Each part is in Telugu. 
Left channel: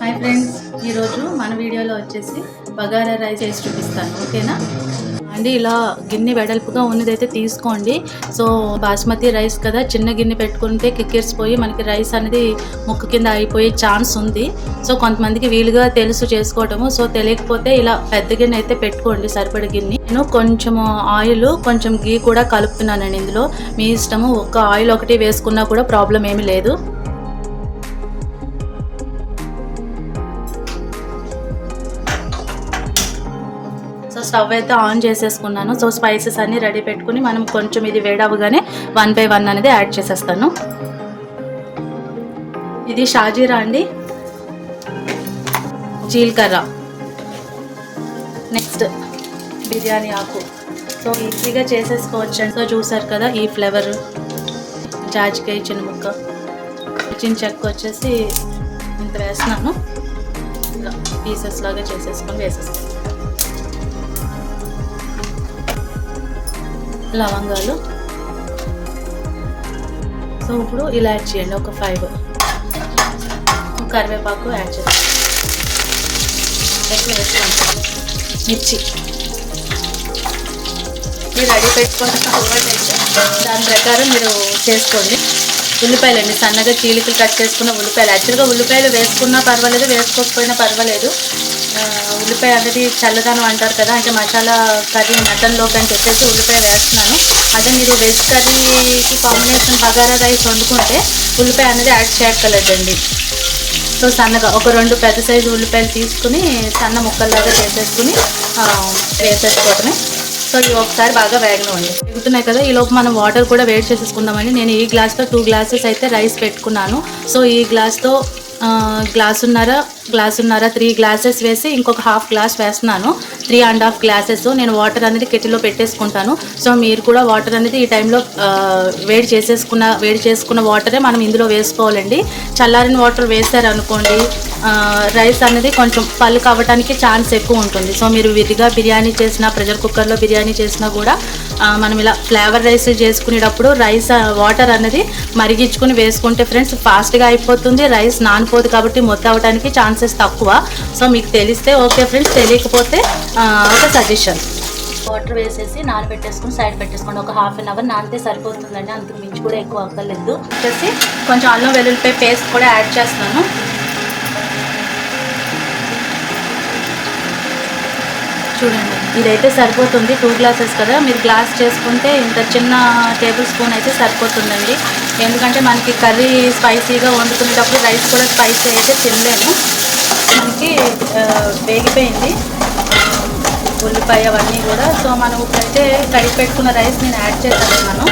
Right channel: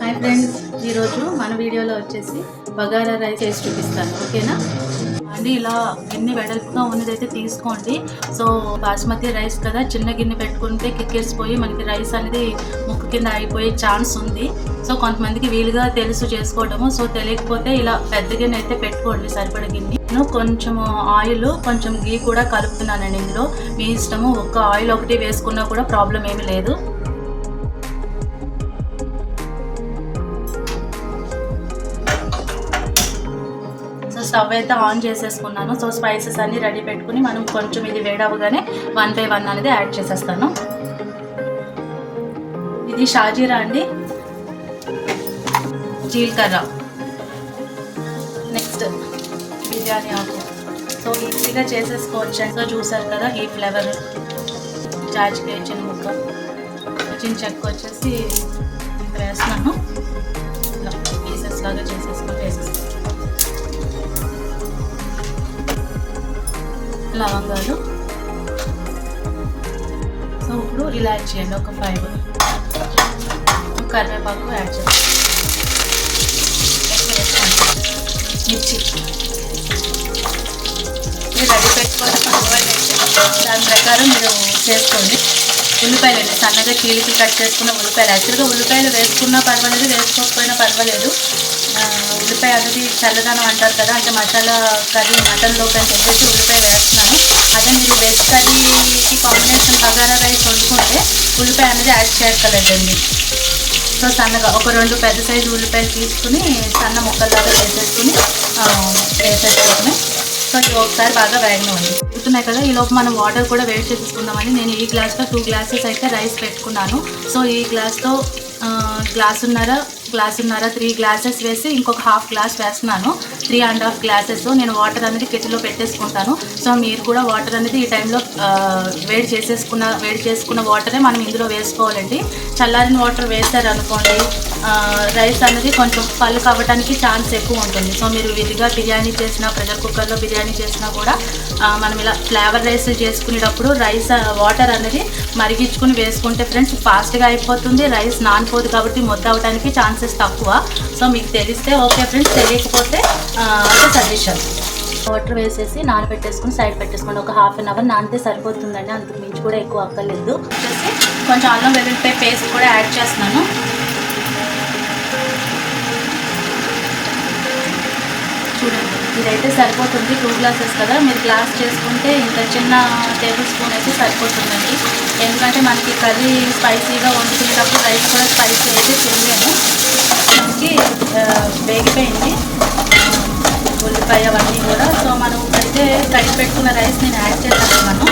హాయ్ ఫ్రెండ్స్, ఈరోజు మన వీడియోలో వచ్చేసి బగారా రైస్ చేసి చూపిస్తాను. ఓకేనా అండి? ఇలా గిన్నె వెడల్పుగా ఉన్నదైతే తీసుకోండి. సో బాస్మతి రైస్ కదా, చిన్న గిన్నె పెట్టుకుంటే కిక్కిరిసిపోయి మనకి రైస్ అనేది ముక్కు కింద అయిపోయే ఛాన్స్ ఉంది. సో కొంతమందికి వీలుగా తెలుసు చేసుకోవటము. సో తెలియకపోతే ఇలా పెద్ద గిన్నె అయితే పెట్టుకోండి, సరిపడ గిన్నె. నేను కొంచెం ఆయిల్, కొంచెం గీ కూడా కలుపుతున్నానండి ఇందులో. మీ ఇష్టము, ఒక్క ఆయిల్ ఒకటి వేసుకున్నా కూడా ప్రాబ్లం ఏమీ లేదు. స్టవ్ అయితే ఆన్ చేసేసుకున్నాను. సో స్పైసెస్ అన్నీ రెడీ పెట్టుకుని మనం కొంచెం ఇది వేడవగానే 1 by 1 అనేది యాడ్ చేసేస్తాను. ఇది షాజీరా అండి, జీలకర్ర, నెక్స్ట్ బిర్యానీ ఆకు. సో ఈజీగా చేసేసుకోవచ్చు. సో చూసారు కదా ఈ ఫ్లేవర్. జాజికాయ చిన్న ముక్క, చిన్న చెక్క వచ్చేసి ఇంత వేస్తున్నాను. ఇలా పీసెస్ లాగా చేసేసుకొని వేసేస్తాను. లవంగాలు. సో ఇప్పుడు ఇలా యాడ్ చేయండి, ఒక 5. కరివేపాకు యాడ్ చేస్తాను. ఎక్కువ వేసుకోండి. మిర్చి మీరు రెడీ పెట్టుకోవడం అలవాటు అయితే దాని ప్రకారం మీరు చేసుకోండి. ఉల్లిపాయలు అండి, సన్నగా చీలికలు కట్ చేసుకున్న ఉల్లిపాయలు. యాక్చువల్గా ఉల్లిపాయలు వేసుకున్నా పర్వాలేదు, వేసుకోకపోయినా పర్వాలేదు. ఉల్లిపాయ అనేది చల్లదనం అంటారు కదా, అంటే మసాలా కర్రీ మటన్లోకి అని చెప్పేసి ఉల్లిపాయ వేస్తున్నాను. అదే మీరు వెజ్ కర్రీకి కాంబినేషన్ బగారా రైస్ వండుకుంటే ఉల్లిపాయ అనేది యాడ్ చేయక్కర్లేదండి. సో సన్నగా ఒక 2 పెద్ద సైజు ఉల్లిపాయలు తీసుకుని సన్న ముక్కల్లాగా చేసేసుకుని వేసేసుకోవడమే. సో ఇవి ఒకసారి బాగా వేగనివ్వండి. వేగుతున్నాయి కదా, ఈలోపు మనం వాటర్ కూడా వేడి చేసేసుకుందామని నేను ఈ గ్లాస్తో 2 గ్లాసెస్ అయితే రైస్ పెట్టుకున్నాను. సో ఈ గ్లాస్తో గ్లాసున్నర 3 గ్లాసెస్ వేసి ఇంకొక ½ గ్లాస్ వేస్తున్నాను. 3.5 గ్లాసెస్ నేను వాటర్ అనేది కెటిల్లో పెట్టేసుకుంటాను. సో మీరు కూడా వాటర్ అనేది ఈ టైంలో వేడి చేసుకున్న వాటరే మనం ఇందులో వేసుకోవాలండి. చల్లారిన వాటర్ వేసారనుకోండి, రైస్ అనేది కొంచెం పలుకు అవ్వడానికి ఛాన్స్ ఎక్కువ ఉంటుంది. సో మీరు విడిగా బిర్యానీ చేసినా, ప్రెషర్ కుక్కర్లో బిర్యానీ చేసినా కూడా మనం ఇలా ఫ్లేవర్ రైస్ చేసుకునేటప్పుడు రైస్ వాటర్ అనేది మరిగించుకుని వేసుకుంటే ఫ్రెండ్స్ ఫాస్ట్గా అయిపోతుంది. రైస్ నానిపోదు కాబట్టి మొత్తం అవ్వడానికి ఛాన్సెస్ తక్కువ. సో మీకు తెలిస్తే ఓకే ఫ్రెండ్స్, తెలియకపోతే ఒక సజెషన్. వాటర్ వేసేసి నానబెట్టేసుకుని సైడ్ పెట్టేసుకోండి. ఒక ½ an hour నానితే సరిపోతుందండి, అంతకు మించి కూడా ఎక్కువ అక్కర్లేదు. వచ్చేసి కొంచెం అల్లం వెల్లుల్లిపాయ పేస్ట్ కూడా యాడ్ చేస్తున్నాను. చూడండి, ఇదైతే సరిపోతుంది. 2 గ్లాసెస్ కదా, మీరు గ్లాస్ చేసుకుంటే ఇంత చిన్న టేబుల్ స్పూన్ అయితే సరిపోతుందండి. ఎందుకంటే మనకి కర్రీ స్పైసీగా వండుకునేటప్పుడు రైస్ కూడా స్పైసీ అయితే తినలేము. మనకి వేగిపోయింది ఉల్లిపాయ అవన్నీ కూడా. సో మనం అయితే కడిగి పెట్టుకున్న రైస్ నేను యాడ్ చేస్తాను.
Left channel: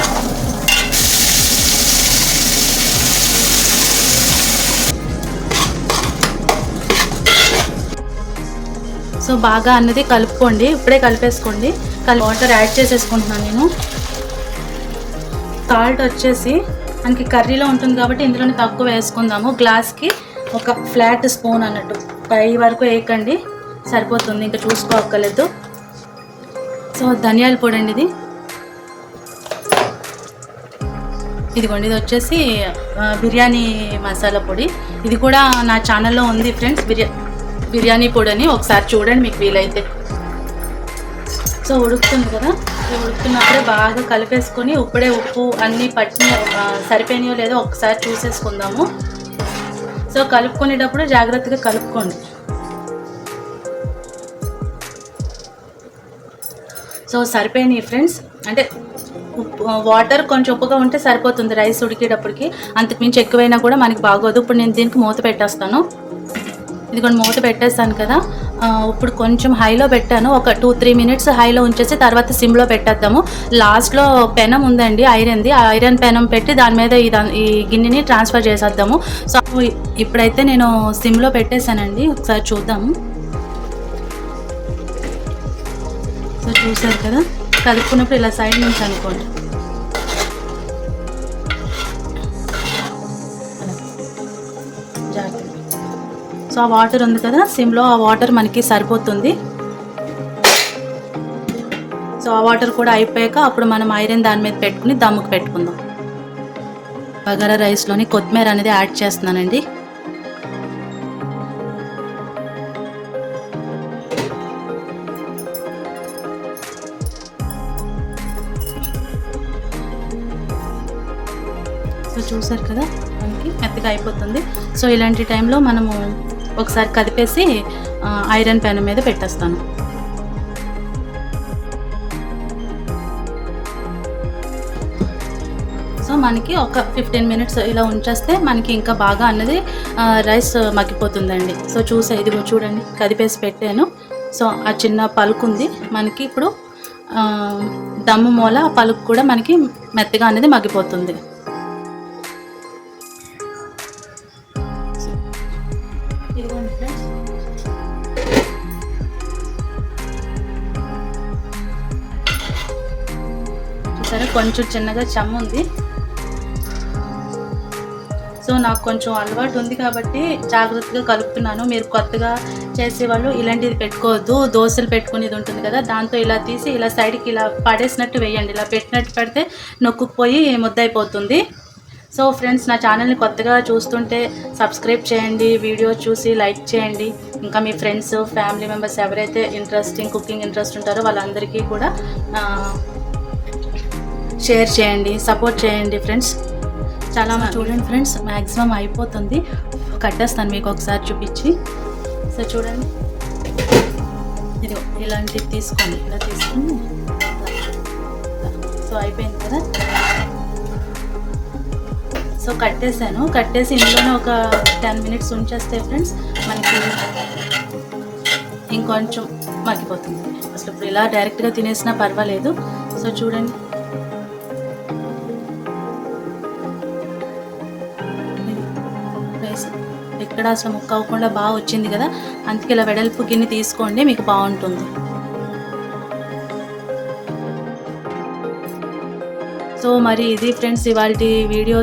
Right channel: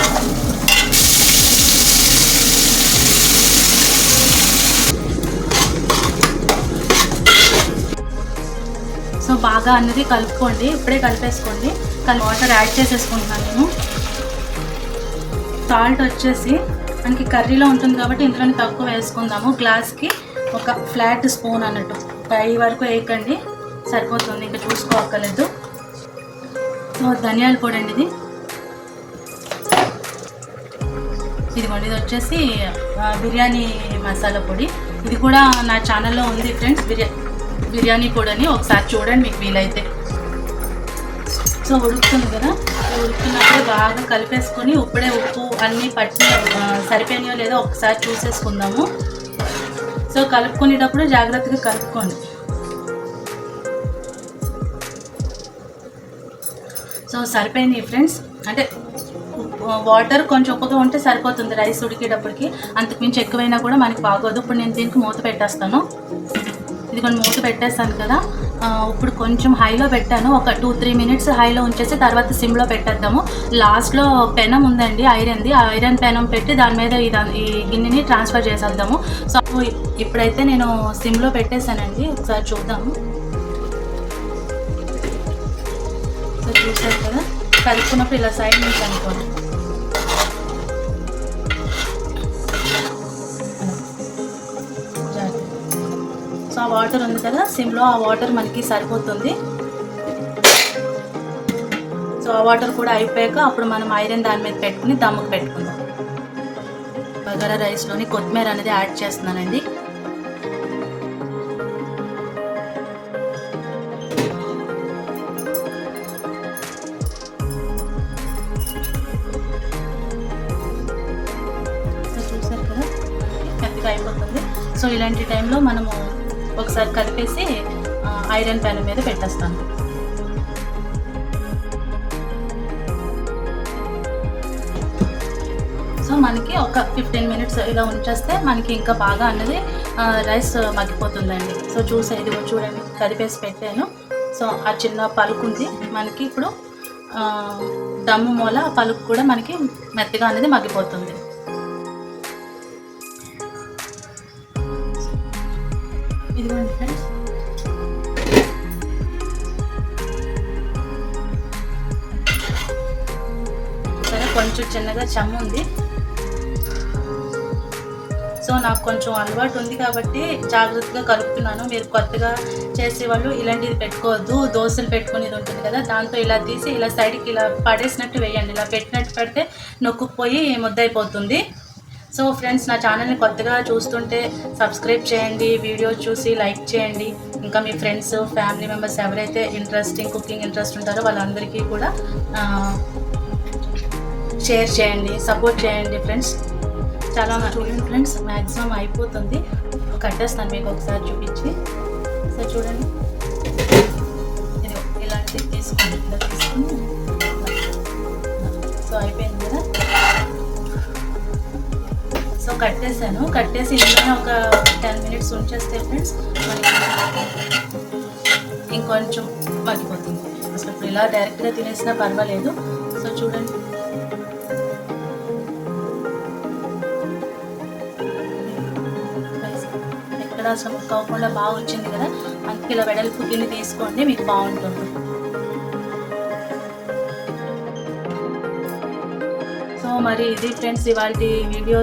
సో బాగా అన్నది కలుపుకోండి, ఇప్పుడే కలిపేసుకోండి. వాటర్ యాడ్ చేసేసుకుంటున్నాను నేను. సాల్ట్ వచ్చేసి మనకి కర్రీలో ఉంటుంది కాబట్టి ఇందులోనే తక్కువ వేసుకుందాము. గ్లాస్కి ఒక ఫ్లాట్ స్పూన్ అన్నట్టు, పై వరకు వేయకండి, సరిపోతుంది, ఇంకా చూసుకోక్కర్లేదు. సో ధనియాల పొడి అండి ఇది. ఇదిగోండి, ఇది వచ్చేసి బిర్యానీ మసాలా పొడి. ఇది కూడా నా ఛానల్లో ఉంది ఫ్రెండ్స్, బిర్యానీ పొడి అని. ఒకసారి చూడండి మీకు వీలైతే. సో ఉడుకుతుంది కదా, ఉడుకుతున్నప్పుడే బాగా కలిపేసుకొని ఇప్పుడే ఉప్పు అన్నీ సరిపోయినాయో లేదో ఒకసారి చూసేసుకుందాము. సో కలుపుకునేటప్పుడు జాగ్రత్తగా కలుపుకోండి. సో సరిపోయినాయి ఫ్రెండ్స్, అంటే వాటర్ కొంచెం ఉప్పుగా ఉంటే సరిపోతుంది రైస్ ఉడికేటప్పటికి. అంతకుమించి ఎక్కువైనా కూడా మనకి బాగోదు. ఇప్పుడు నేను దీనికి మూత పెట్టేస్తాను. ఇది కొన్ని మూత పెట్టేస్తాను కదా, ఇప్పుడు కొంచెం హైలో పెట్టాను. ఒక 2-3 minutes హైలో ఉంచేసి తర్వాత సిమ్లో పెట్టేద్దాము. లాస్ట్లో పెనం ఉందండి ఐరన్ది, ఆ ఐరన్ పెనం పెట్టి దాని మీద ఈ గిన్నెని ట్రాన్స్ఫర్ చేసేద్దాము. సో ఇప్పుడైతే నేను సిమ్లో పెట్టేశానండి, ఒకసారి చూద్దాము. సో చూసారు కదా, కలుపుకున్నప్పుడు ఇలా సైడ్ నుంచి అనుకోండి. సో ఆ వాటర్ ఉంది కదా సిమ్లో, ఆ వాటర్ మనకి సరిపోతుంది. సో ఆ వాటర్ కూడా అయిపోయాక అప్పుడు మనం ఐరన్ దాని మీద పెట్టుకుని దమ్ముకు పెట్టుకుందాం. బగారా రైస్లోని కొత్తిమీర అనేది యాడ్ చేస్తున్నానండి. సో చూసారు కదా, మనకి మెత్తగా అయిపోతుంది. సో ఇలాంటి టైంలో మనము ఒకసారి కదిపేసి ఐరన్ ప్యాన్ మీద పెట్టేస్తాను. సో మనకి ఒక 15 మినిట్స్ ఇలా ఉంచేస్తే మనకి ఇంకా బాగా అన్నది రైస్ మగ్గిపోతుందండి. సో ఇదిగో చూడండి, కదిపేసి పెట్టాను. సో ఆ చిన్న పలుకు ఉంది మనకి. ఇప్పుడు దమ్ము మూల పలుకు కూడా మనకి మెత్తగా అనేది మగ్గిపోతుంది. ఇదిగోండి ఫ్రెండ్స్, చూసారా కొంచెం చిన్నగా చెమ్మ ఉంది. సో నాకు కొంచెం అలవాటు ఉంది కాబట్టి జాగ్రత్తగా కలుపుతున్నాను. మీరు కొత్తగా చేసేవాళ్ళు ఇలాంటిది పెట్టుకోవద్దు. దోశలు పెట్టుకునేది ఉంటుంది కదా, దాంతో ఇలా తీసి ఇలా సైడ్కి ఇలా పడేసినట్టు వేయండి. ఇలా పెట్టినట్టు పెడితే నొక్కుపోయి ముద్దయిపోతుంది. సో ఫ్రెండ్స్, నా ఛానల్ని కొత్తగా చూస్తుంటే సబ్స్క్రైబ్ చేయండి, వీడియో చూసి లైక్ చేయండి. ఇంకా మీ ఫ్రెండ్స్, ఫ్యామిలీ మెంబర్స్ ఎవరైతే కుకింగ్ ఇంట్రెస్ట్ ఉంటారో వాళ్ళందరికీ కూడా షేర్ చేయండి, సపోర్ట్ చేయండి ఫ్రెండ్స్. చాలా చూడండి ఫ్రెండ్స్, మ్యాక్సిమం అయిపోతుంది. కట్టేస్తాను మీకు ఒకసారి చూపించి. సో చూడండి, ఇది ఇలాంటివి తీసుకోండి, ఇలా తీసుకుని సో అయిపోయింది కదా. సో కట్టేసి ఇందులోనే ఒక 10 మినిట్స్ ఉంచేస్తే ఫ్రెండ్స్ మనకి ఇంకొంచెం మగ్గిపోతుంది. అసలు ఇప్పుడు ఇలా డైరెక్ట్గా తినేసినా పర్వాలేదు. సో చూడండి, ఎక్కడ అసలు ముక్క అవ్వకుండా బాగా వచ్చింది కదా. అందుకే ఇలా వెడల్పు గిన్నె తీసుకోండి, మీకు బాగుంటుంది. సో మరి ఇది ఫ్రెండ్స్ ఇవాళ వీడియో.